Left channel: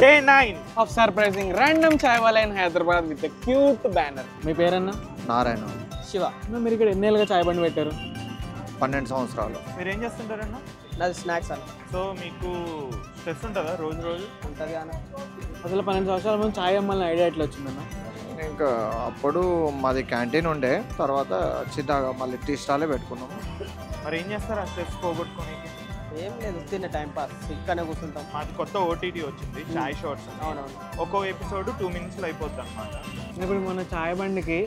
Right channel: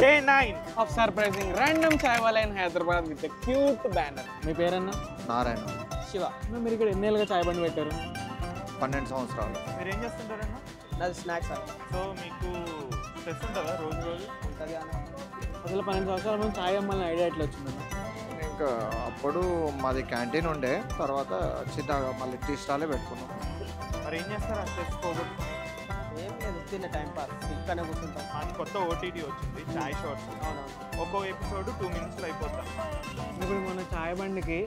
Day 9 of surprising random chai wala in Hyderabad with a cute banner. మీ పేరన్నా? నారాయణ. శివ. మీరు ఇక్కడ ఎన్నేళ్ళుగా చాయ్ బండి పెట్టారు? 12 సంవత్సరాలు. మీరు ఏం చేస్తుంటారన్నా? నాది స్నాక్స్ అన్న. సో మీకు స్ట్రెస్ ఉంటుందా రోజు ఉంటుంది అన్న. అసలు 12 సంవత్సరాల ముందు చాయ్ అమ్మాలని ఐడియా ఎట్లా వచ్చిందన్న? ఇంకా అప్పుడు మాది క్యాంటీన్ ఉండే, తర్వాత చిన్నగా మళ్ళీ టీ స్టాలే పెట్టుకున్నాం. మరి ఏం చేస్తారు ఆ స్ట్రెస్ పోగొట్టుకొని? ఏం లేదు, తిన్న టైం పాస్, ఇక్కడనే కూర్చుంటాం. మాది కొత్త ఓటీటీ వచ్చింది, చాయ్ షార్ట్స్. అవునవును. ఒక్కో ఎపిసోడ్ 2 minutes లో అయిపోద్ది అనమాట. ఇప్పుడు మన చాయ్ బండికి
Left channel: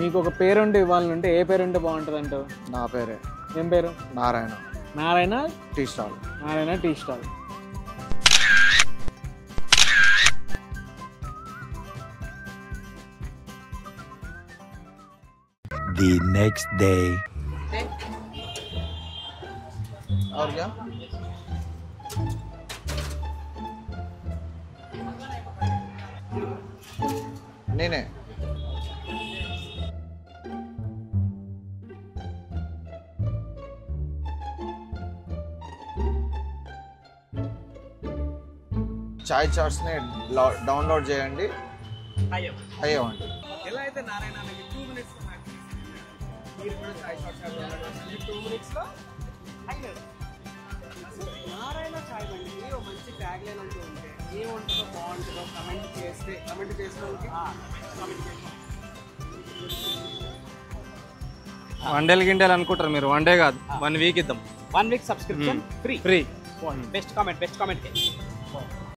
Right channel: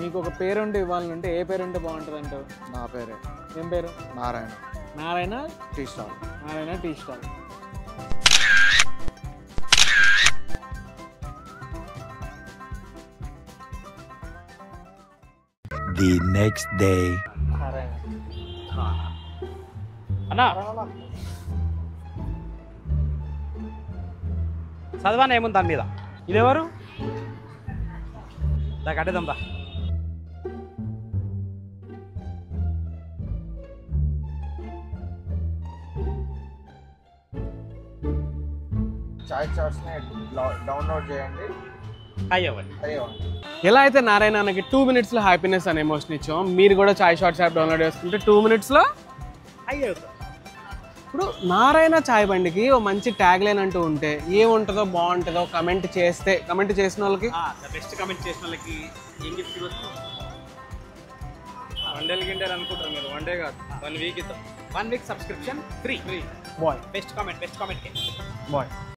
మీకు ఒక పేరుంటే ఇవ్వాలంటే ఏ పేరు ఉంటే బాగుంటుంది అంటావు? నా పేరే. ఏం పేరు? Narayana. Narayana tea stall. Narayana tea stall. The next day. అన్నా చదవానే ఏముంది దాని మీద? ఇదెవరు? నేనే. నాకు అడ్డదంబా. చాయ్ చాట్స్ని డౌన్లోడ్ చేయండి, అయ్యవ్వండి. అయ్యండి. ఎలా అయితే నారాయణ అన్నకి 2 minutesలో హ్యాపీనెస్ అనే ఎమోషన్ ఇచ్చాం, మీరు కూడా చాయ్ షార్ట్స్ యాప్ డౌన్లోడ్ చేసుకుంటే 2 minutesలో అయ్యవు. ఇప్పుడు నారాయణ చాయ్ బండికి ఓ మంచి ట్యాగ్ లైన్ అంటూ ఉంటే ఏముంటుందో బాగుంటుందో కమెంట్ చేసిన వాళ్ళకి బెస్ట్ కామెంట్ చేసిన వాళ్ళకి ఏం గిఫ్ట్ ఇవ్వచ్చు? వన్ గింటలు అనుకుంటారు మీరు, 1 day కాదు 1 week ఇద్దాం. 1 week subscription free. Boy best comment కి బాయ్